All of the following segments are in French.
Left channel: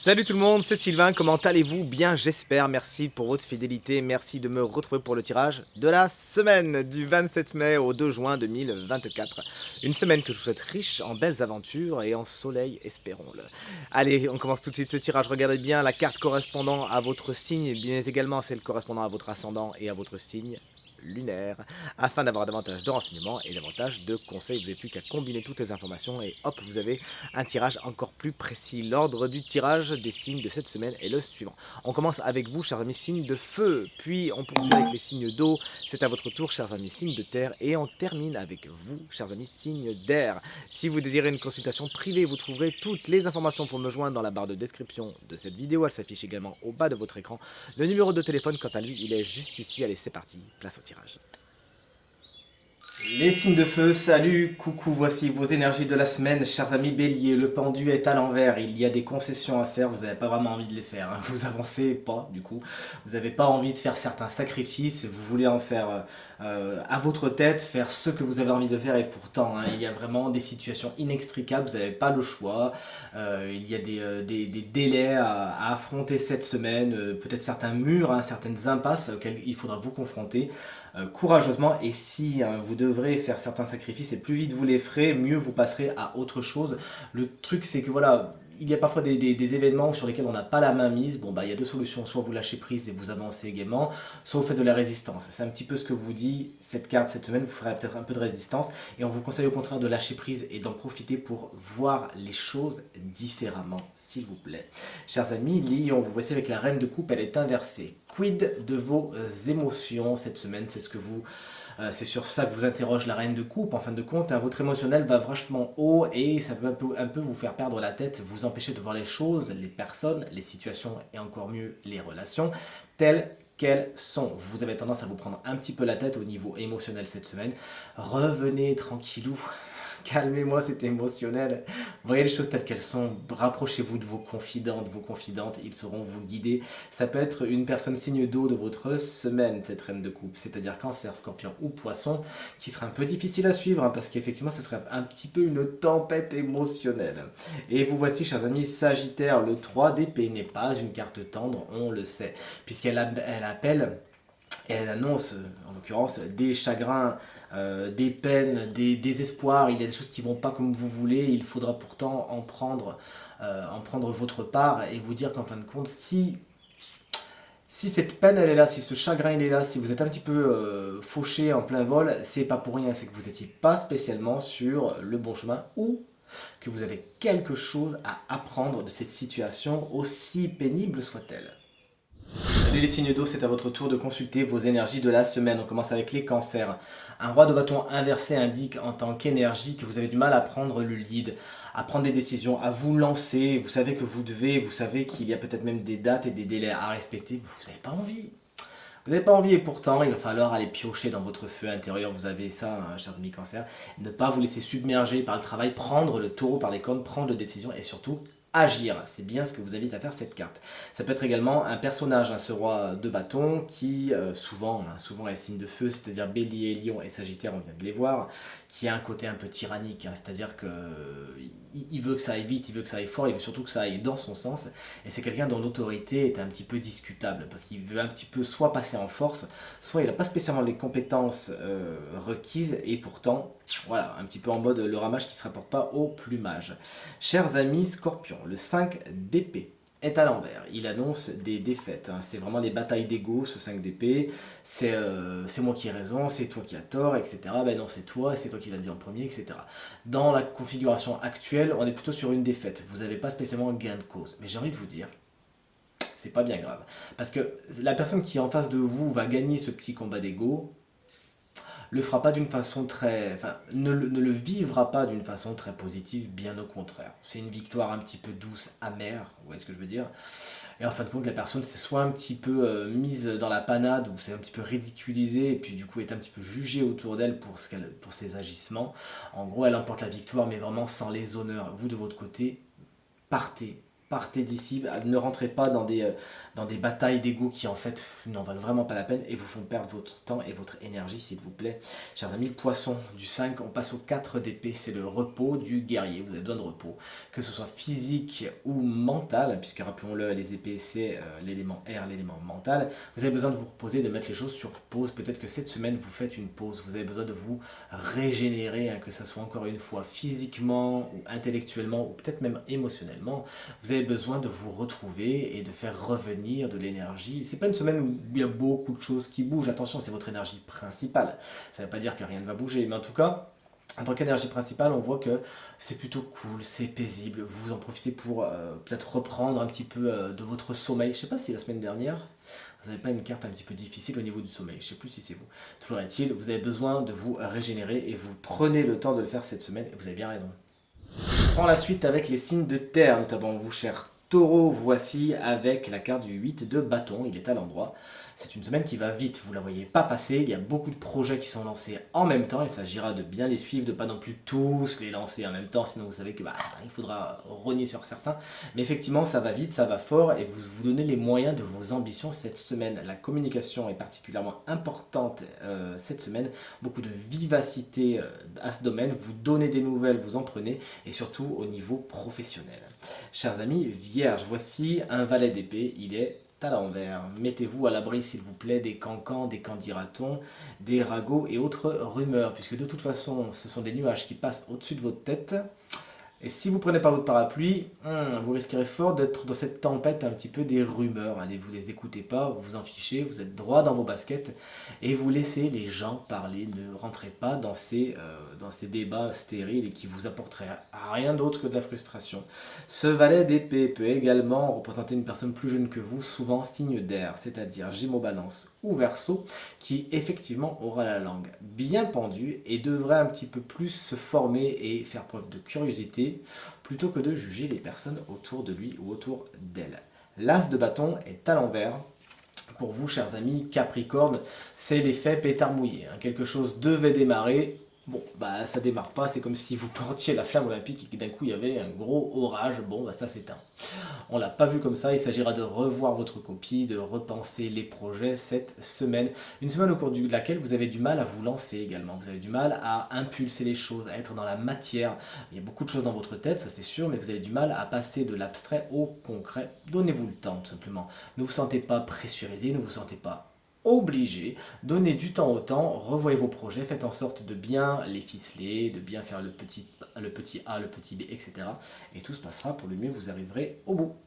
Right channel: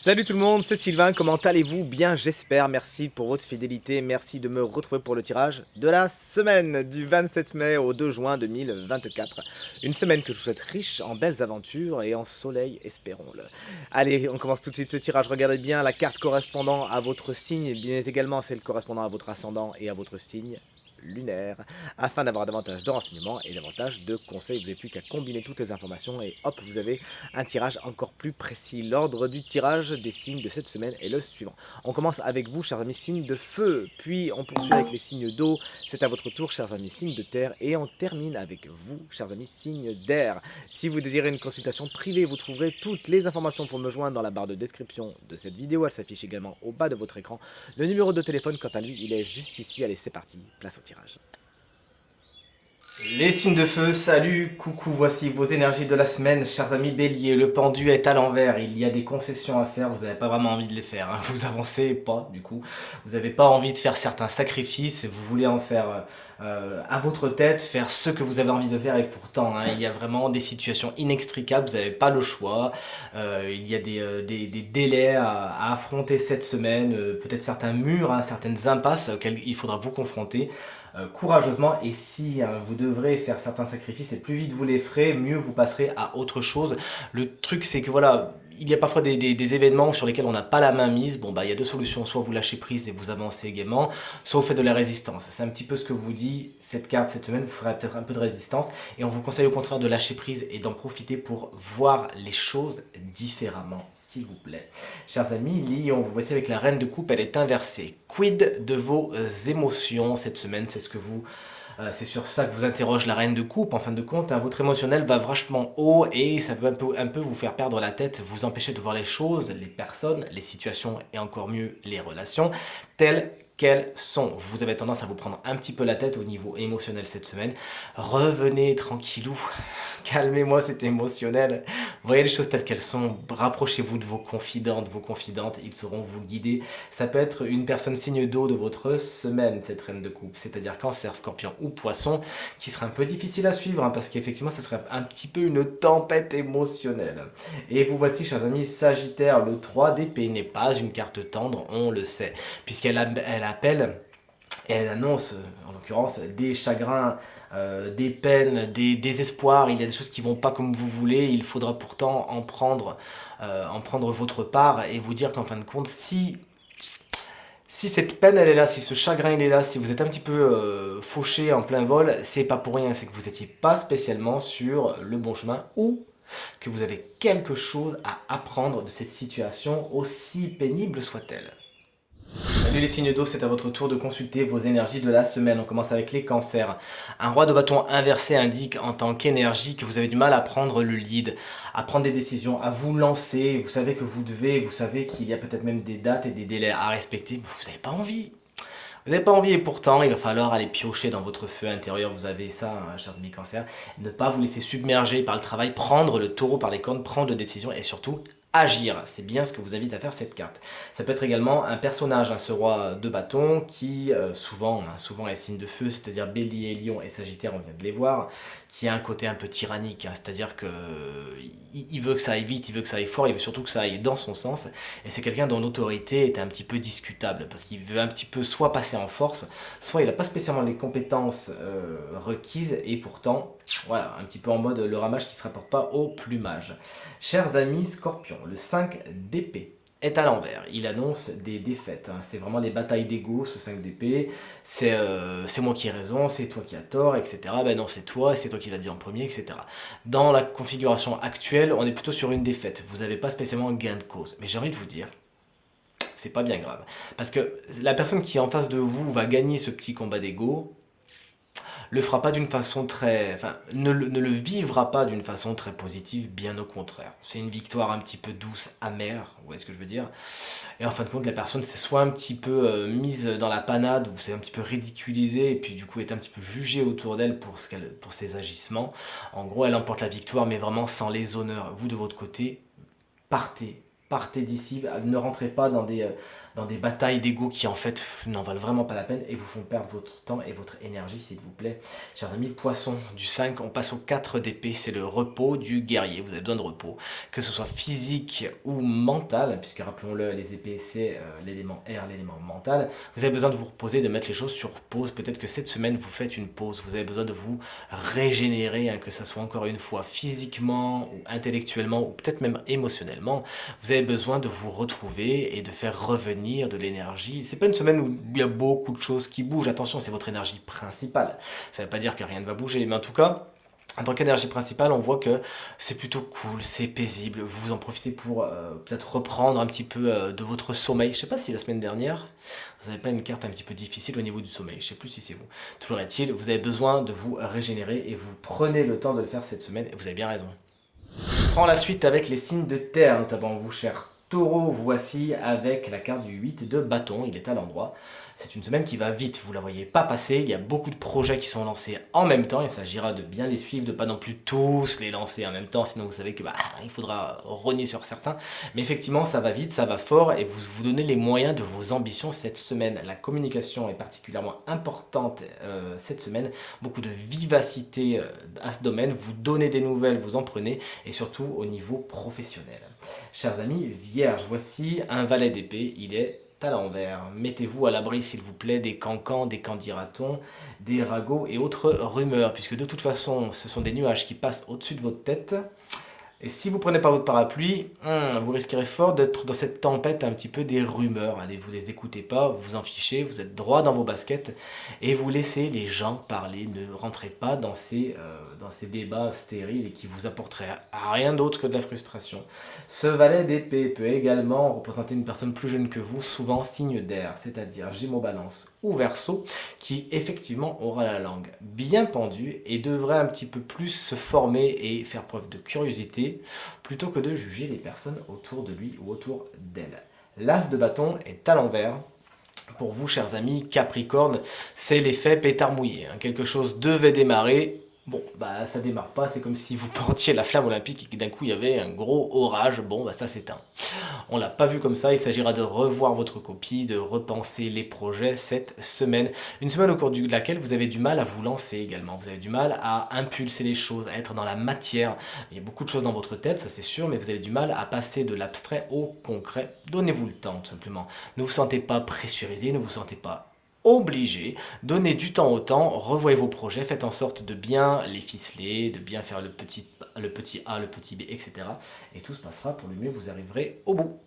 Salut tout le monde, c'est Sylvain, comment allez-vous? Bien, j'espère, merci pour votre fidélité, merci de me retrouver pour le tirage de la semaine du 27 mai au 2 juin 2024. Une semaine que je vous souhaite riche en belles aventures et en soleil, espérons-le. Allez, on commence tout de suite ce tirage, regardez bien la carte correspondant à votre signe, bien également celle correspondant à votre ascendant et à votre signe lunaire, afin d'avoir davantage de renseignements et davantage de conseils. Vous n'avez plus qu'à combiner toutes les informations et hop, vous avez un tirage encore plus précis. L'ordre du tirage des signes de cette semaine est le suivant. On commence avec vous, chers amis signes de feu, puis on poursuit avec les signes d'eau. C'est à votre tour, chers amis signes de terre, et on termine avec vous, chers amis signes d'air. Si vous désirez une consultation privée, vous trouverez toutes les informations pour me joindre dans la barre de description de cette vidéo. Elle s'affiche également au bas de votre écran. Le numéro de téléphone, quant à lui, il est juste ici. Allez, c'est parti, place au tirage. Les signes de feu, salut, coucou, voici vos énergies de la semaine, chers amis béliers. Le pendu est à l'envers, il y a des concessions à faire, vous n'avez pas vraiment envie de les faire, hein. Vous avancez pas, du coup. Vous n'avez pas envie de faire certains sacrifices, vous voulez en faire à votre tête, faire ce que vous avez envie de faire, et pourtant, hein, il y a vraiment des situations inextricables, vous n'avez pas le choix. Il y a des délais à affronter cette semaine, peut-être certains murs, hein, certaines impasses auxquelles il faudra vous confronter courageusement. Et si vous devrez faire certains sacrifices, et plus vite vous les ferez, mieux vous passerez à autre chose. Le truc, c'est que voilà, il y a parfois des événements sur lesquels on n'a pas la main mise. Bon, bah, il y a deux solutions. Soit vous lâchez prise et vous avancez gaiement, soit vous faites de la résistance. C'est un petit peu ce que vous dit cette carte cette semaine. Vous ferez peut-être un peu de résistance. Et on vous conseille au contraire de lâcher prise et d'en profiter pour voir les choses différemment, s'il vous plaît. Chers amis, Lyon, vous voici avec la reine de coupe, elle est inversée. Quid de vos émotions cette semaine? C'est sur ça que vous interroge la reine de coupe. En fin de compte, hein, votre émotionnel va vachement haut et ça peut un peu vous faire perdre la tête, vous empêcher de voir les choses, les personnes, les situations et encore mieux les relations telles qu'elles sont. Vous avez tendance à vous prendre un petit peu la tête au niveau émotionnel cette semaine. Revenez tranquillou, calmez-moi, c'est émotionnel. Voyez les choses telles qu'elles sont. Rapprochez-vous de vos confidentes, ils sauront vous guider. Ça peut être une personne signe d'eau de votre semaine, cette reine de coupe, c'est-à-dire cancer, scorpion ou poisson, qui sera un peu difficile à suivre, hein, parce qu'effectivement, ça serait un petit peu une tempête émotionnelle. Et vous voici, chers amis, Sagittaire, le 3 d'épée n'est pas une carte tendre, on le sait, puisqu'elle appelle et elle annonce, en l'occurrence, des chagrins, des peines, des désespoirs. Il y a des choses qui vont pas comme vous voulez. Il faudra pourtant en prendre votre part et vous dire qu'en fin de compte, si cette peine elle est là, si ce chagrin il est là, si vous êtes un petit peu fauché en plein vol, c'est pas pour rien, c'est que vous n'étiez pas spécialement sur le bon chemin ou que vous avez quelque chose à apprendre de cette situation, aussi pénible soit-elle. Allez les signes d'eau, c'est à votre tour de consulter vos énergies de la semaine. On commence avec les cancers. Un roi de bâton inversé indique en tant qu'énergie que vous avez du mal à prendre le lead, à prendre des décisions, à vous lancer. Vous savez que vous savez qu'il y a peut-être même des dates et des délais à respecter, mais vous n'avez pas envie. Vous n'avez pas envie et pourtant il va falloir aller piocher dans votre feu intérieur. Vous avez ça, hein, chers amis cancer. Ne pas vous laisser submerger par le travail, prendre le taureau par les cornes, prendre des décisions et surtout agir. C'est bien ce que vous invite à faire cette carte. Ça peut être également un personnage, hein, ce roi de bâton qui souvent est signe de feu, c'est-à-dire bélier, lion et sagittaire, on vient de les voir, qui a un côté un peu tyrannique, hein, c'est-à-dire que il veut que ça aille vite, il veut que ça aille fort, il veut surtout que ça aille dans son sens. Et c'est quelqu'un dont l'autorité est un petit peu discutable parce qu'il veut un petit peu soit passer en force, soit il n'a pas spécialement les compétences requises et pourtant, voilà, un petit peu en mode le ramage qui ne se rapporte pas au plumage. Chers amis scorpions, le 5 d'épée est à l'envers. Il annonce des défaites, hein. C'est vraiment les batailles d'ego, ce 5 d'épée. C'est moi qui ai raison, c'est toi qui as tort, etc. Ben non, c'est toi qui l'as dit en premier, etc. Dans la configuration actuelle, on est plutôt sur une défaite. Vous n'avez pas spécialement gain de cause. Mais j'ai envie de vous dire, c'est pas bien grave. Parce que la personne qui est en face de vous va gagner ce petit combat d'ego, le fera pas d'une façon très, enfin, ne le vivra pas d'une façon très positive, bien au contraire. C'est une victoire un petit peu douce, amère, vous voyez ce que je veux dire. Et en fin de compte, la personne s'est soit un petit peu mise dans la panade, ou c'est un petit peu ridiculisée, et puis du coup est un petit peu jugée autour d'elle pour ses agissements. En gros, elle emporte la victoire, mais vraiment sans les honneurs. Vous de votre côté, partez. partez d'ici, ne rentrez pas dans des batailles d'ego qui en fait n'en valent vraiment pas la peine et vous font perdre votre temps et votre énergie s'il vous plaît. Chers amis, poisson, du 5, on passe au 4 d'épée, c'est le repos du guerrier, vous avez besoin de repos, que ce soit physique ou mental, puisque rappelons-le, les épées c'est l'élément air, l'élément mental, vous avez besoin de vous reposer, de mettre les choses sur pause, peut-être que cette semaine vous faites une pause, vous avez besoin de vous régénérer, hein, que ce soit encore une fois physiquement ou intellectuellement ou peut-être même émotionnellement, vous avez besoin de vous retrouver et de faire revenir de l'énergie. C'est pas une semaine où il y a beaucoup de choses qui bougent. Attention, c'est votre énergie principale. Ça ne veut pas dire que rien ne va bouger, mais en tout cas, en tant qu'énergie principale, on voit que c'est plutôt cool, c'est paisible. Vous en profitez pour peut-être reprendre un petit peu de votre sommeil. Je sais pas si la semaine dernière, vous n'avez pas une carte un petit peu difficile au niveau du sommeil. Je sais plus si c'est vous. Toujours est-il, vous avez besoin de vous régénérer et vous prenez le temps de le faire cette semaine. Et vous avez bien raison. On prend la suite avec les signes de terre, notamment vous, chers taureaux. Voici avec la carte du 8 de bâton, il est à l'endroit. C'est une semaine qui va vite, vous ne la voyez pas passer, il y a beaucoup de projets qui sont lancés en même temps, il s'agira de bien les suivre, de pas non plus tous les lancer en même temps, sinon vous savez que il faudra rogner sur certains. Mais effectivement, ça va vite, ça va fort, et vous vous donnez les moyens de vos ambitions cette semaine. La communication est particulièrement importante cette semaine, beaucoup de vivacité à ce domaine, vous donnez des nouvelles, vous en prenez, et surtout au niveau professionnel. Chers amis, Vierge, voici un valet d'épée, il est à l'envers. Mettez-vous à l'abri, s'il vous plaît, des cancans, des candidatons, des ragots et autres rumeurs, puisque de toute façon, ce sont des nuages qui passent au-dessus de votre tête. Et si vous ne prenez pas votre parapluie, vous risquerez fort d'être dans cette tempête un petit peu des rumeurs. Allez, vous les écoutez pas, vous vous en fichez, vous êtes droit dans vos baskets et vous laissez les gens parler. Ne rentrez pas dans ces débats stériles et qui vous apporteraient rien d'autre que de la frustration. Ce valet d'épée peut également représenter une personne plus jeune que vous, souvent signe d'air, c'est-à-dire Gémeaux, Balance ou Verseau, qui effectivement aura la langue bien pendue et devrait un petit peu plus se former et faire preuve de curiosité plutôt que de juger les personnes autour de lui ou autour d'elle. L'as de bâton est à l'envers. Pour vous, chers amis, Capricorne, c'est l'effet pétard mouillé. Quelque chose devait démarrer. Bon, ça démarre pas, c'est comme si vous portiez la flamme olympique et que d'un coup il y avait un gros orage. Bon, ça s'éteint. On l'a pas vu comme ça, il s'agira de revoir votre copie, de repenser les projets cette semaine. Une semaine au cours de laquelle vous avez du mal à vous lancer également. Vous avez du mal à impulser les choses, à être dans la matière. Il y a beaucoup de choses dans votre tête, ça c'est sûr, mais vous avez du mal à passer de l'abstrait au concret. Donnez-vous le temps, tout simplement. Ne vous sentez pas pressurisé, ne vous sentez pas obligé, donnez du temps au temps, revoyez vos projets, faites en sorte de bien les ficeler, de bien faire le petit A, le petit B, etc. Et tout se passera pour le mieux, vous arriverez au bout.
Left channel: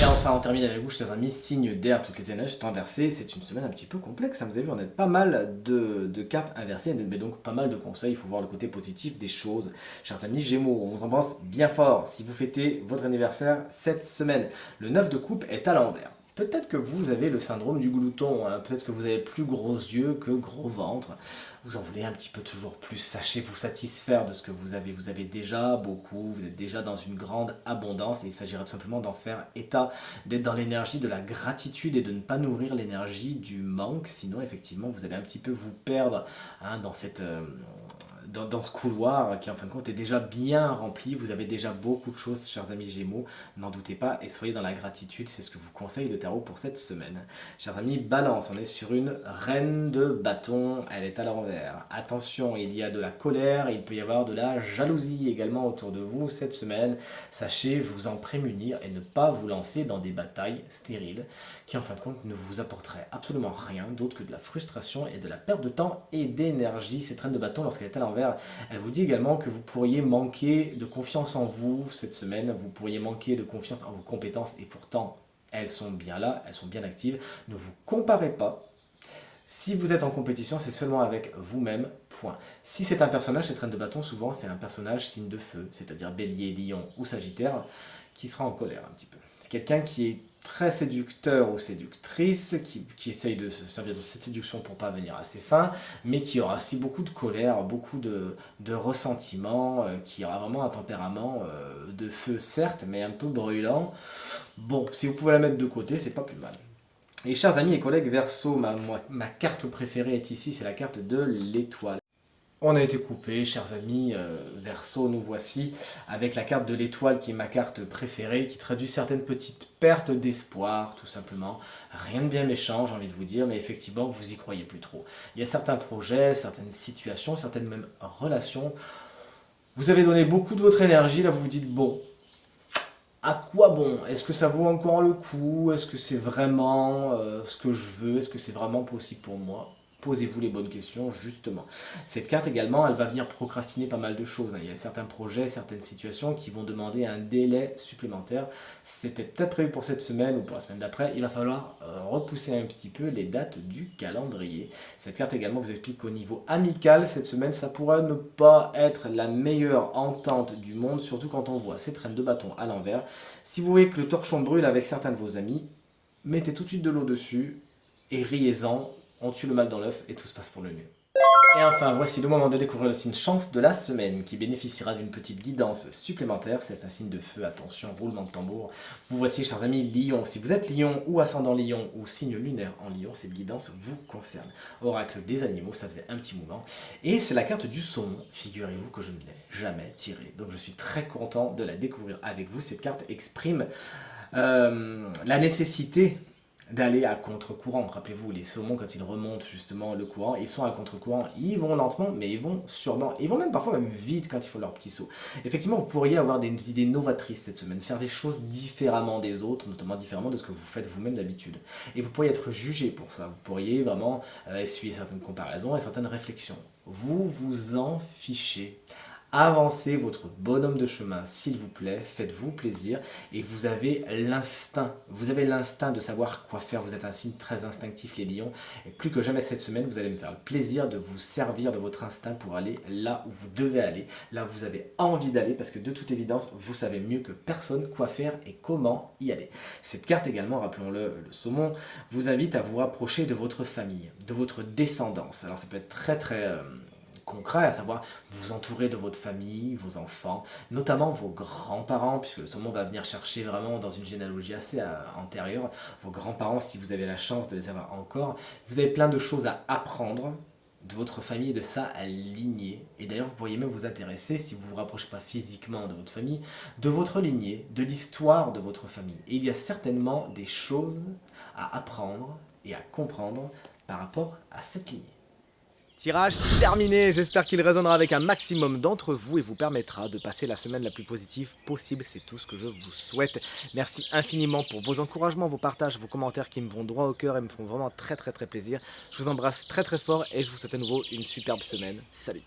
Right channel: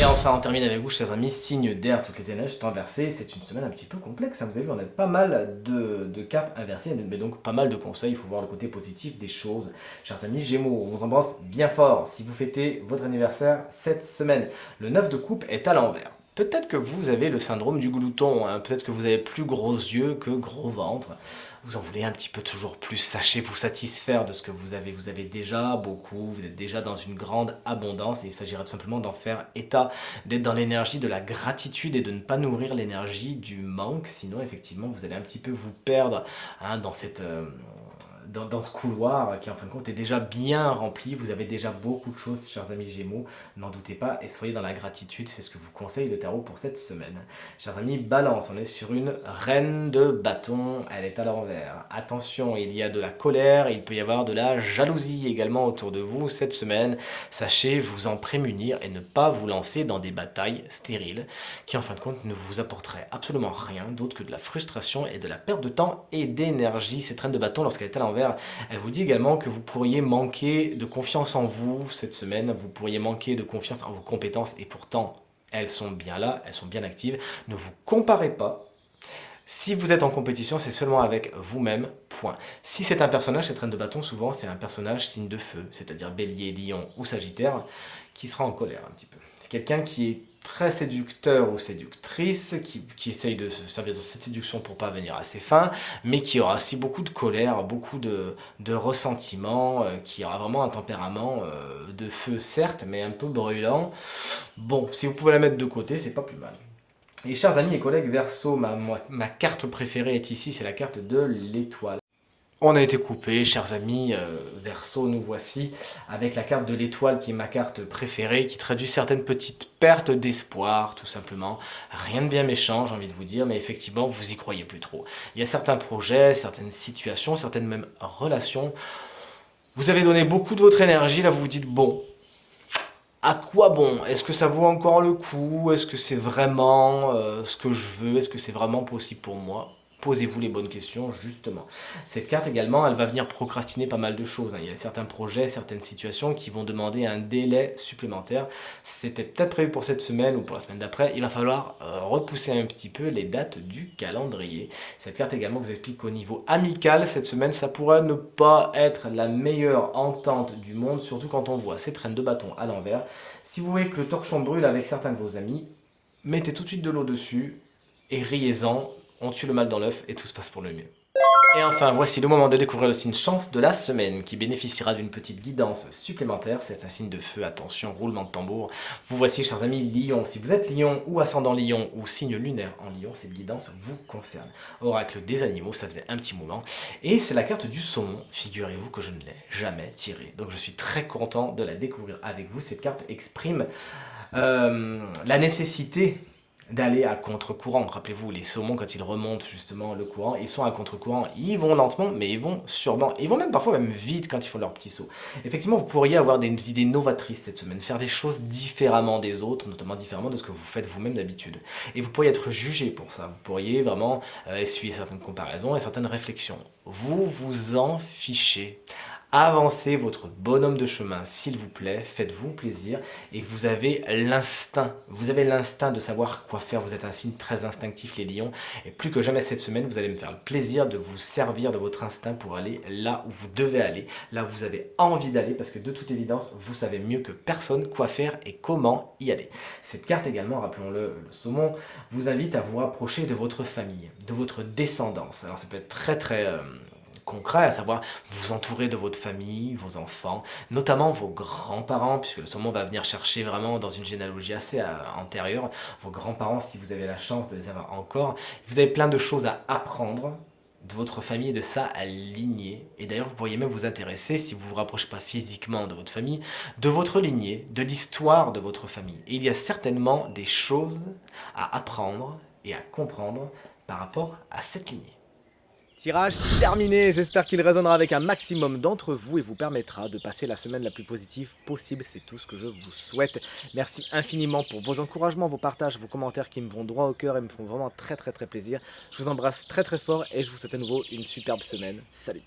Et enfin, on termine avec vous, chers amis, signe d'air, toutes les énergies sont inversées. C'est une semaine un petit peu complexe, hein. Vous avez vu, on a pas mal de cartes inversées, mais donc pas mal de conseils. Il faut voir le côté positif des choses. Chers amis Gémeaux, on vous embrasse bien fort si vous fêtez votre anniversaire cette semaine. Le 9 de coupe est à l'envers. Peut-être que vous avez le syndrome du glouton, hein. Peut-être que vous avez plus gros yeux que gros ventre. Vous en voulez un petit peu toujours plus. Sachez vous satisfaire de ce que vous avez. Vous avez déjà beaucoup, vous êtes déjà dans une grande abondance et il s'agira tout simplement d'en faire état, d'être dans l'énergie de la gratitude et de ne pas nourrir l'énergie du manque. Sinon, effectivement, vous allez un petit peu vous perdre, hein, dans cette... dans ce couloir qui en fin de compte est déjà bien rempli, vous avez déjà beaucoup de choses, chers amis Gémeaux, n'en doutez pas et soyez dans la gratitude, c'est ce que vous conseille le tarot pour cette semaine. Chers amis Balance, on est sur une reine de bâton, elle est à l'envers. Attention, il y a de la colère, il peut y avoir de la jalousie également autour de vous cette semaine. Sachez vous en prémunir et ne pas vous lancer dans des batailles stériles qui en fin de compte ne vous apporteraient absolument rien d'autre que de la frustration et de la perte de temps et d'énergie. Cette reine de bâton, lorsqu'elle est à l'envers, elle vous dit également que vous pourriez manquer de confiance en vous cette semaine, vous pourriez manquer de confiance en vos compétences et pourtant elles sont bien là, elles sont bien actives. Ne vous comparez pas. Si vous êtes en compétition, c'est seulement avec vous-même, point. Si c'est un personnage, cette reine de bâton, souvent c'est un personnage signe de feu, c'est-à-dire bélier, lion ou sagittaire, qui sera en colère un petit peu. C'est quelqu'un qui est très séducteur ou séductrice, qui essaye de se servir de cette séduction pour parvenir à ses fins, mais qui aura aussi beaucoup de colère, beaucoup de ressentiment, qui aura vraiment un tempérament de feu certes, mais un peu brûlant. Bon, si vous pouvez la mettre de côté, c'est pas plus mal. Et chers amis et collègues Verseau, ma carte préférée est ici, c'est la carte de l'étoile. On a été coupé, chers amis, Verseau, nous voici avec la carte de l'étoile qui est ma carte préférée, qui traduit certaines petites pertes d'espoir, tout simplement. Rien de bien méchant, j'ai envie de vous dire, mais effectivement, vous y croyez plus trop. Il y a certains projets, certaines situations, certaines même relations. Vous avez donné beaucoup de votre énergie, là vous vous dites, bon, à quoi bon? Est-ce que ça vaut encore le coup? Est-ce que c'est vraiment ce que je veux? Est-ce que c'est vraiment possible pour moi? Posez-vous les bonnes questions, justement. Cette carte également, elle va venir procrastiner pas mal de choses, hein. Il y a certains projets, certaines situations qui vont demander un délai supplémentaire. C'était peut-être prévu pour cette semaine ou pour la semaine d'après. Il va falloir repousser un petit peu les dates du calendrier. Cette carte également vous explique qu'au niveau amical, cette semaine, ça pourrait ne pas être la meilleure entente du monde, surtout quand on voit ces traînes de bâton à l'envers. Si vous voyez que le torchon brûle avec certains de vos amis, mettez tout de suite de l'eau dessus et riez-en. On tue le mal dans l'œuf et tout se passe pour le mieux. Et enfin, voici le moment de découvrir le signe chance de la semaine qui bénéficiera d'une petite guidance supplémentaire. C'est un signe de feu, attention, roulement de tambour. Vous voici, chers amis, Lion. Si vous êtes Lion ou ascendant Lion ou signe lunaire en Lion, cette guidance vous concerne. Oracle des animaux, ça faisait un petit moment. Et c'est la carte du saumon. Figurez-vous que je ne l'ai jamais tirée. Donc je suis très content de la découvrir avec vous. Cette carte exprime la nécessité d'aller à contre-courant. Rappelez-vous, les saumons, quand ils remontent justement le courant, ils sont à contre-courant, ils vont lentement, mais ils vont sûrement, ils vont même parfois même vite quand ils font leur petit saut. Effectivement, vous pourriez avoir des idées novatrices cette semaine, faire des choses différemment des autres, notamment différemment de ce que vous faites vous-même d'habitude. Et vous pourriez être jugé pour ça, vous pourriez vraiment essuyer certaines comparaisons et certaines réflexions. Vous vous en fichez. Avancez votre bonhomme de chemin, s'il vous plaît, faites-vous plaisir et vous avez l'instinct de savoir quoi faire, vous êtes un signe très instinctif les lions et plus que jamais cette semaine, vous allez me faire le plaisir de vous servir de votre instinct pour aller là où vous devez aller, là où vous avez envie d'aller parce que de toute évidence, vous savez mieux que personne quoi faire et comment y aller. Cette carte également, rappelons-le, le saumon, vous invite à vous rapprocher de votre famille, de votre descendance. Alors ça peut être très concret, à savoir vous entourer de votre famille, vos enfants, notamment vos grands-parents, puisque le saumon va venir chercher vraiment dans une généalogie assez antérieure, vos grands-parents si vous avez la chance de les avoir encore. Vous avez plein de choses à apprendre de votre famille et de sa lignée. Et d'ailleurs, vous pourriez même vous intéresser, si vous ne vous rapprochez pas physiquement de votre famille, de votre lignée, de l'histoire de votre famille. Et il y a certainement des choses à apprendre et à comprendre par rapport à cette lignée. Tirage terminé, j'espère qu'il résonnera avec un maximum d'entre vous et vous permettra de passer la semaine la plus positive possible, c'est tout ce que je vous souhaite. Merci infiniment pour vos encouragements, vos partages, vos commentaires qui me vont droit au cœur et me font vraiment très plaisir. Je vous embrasse très fort et je vous souhaite à nouveau une superbe semaine. Salut!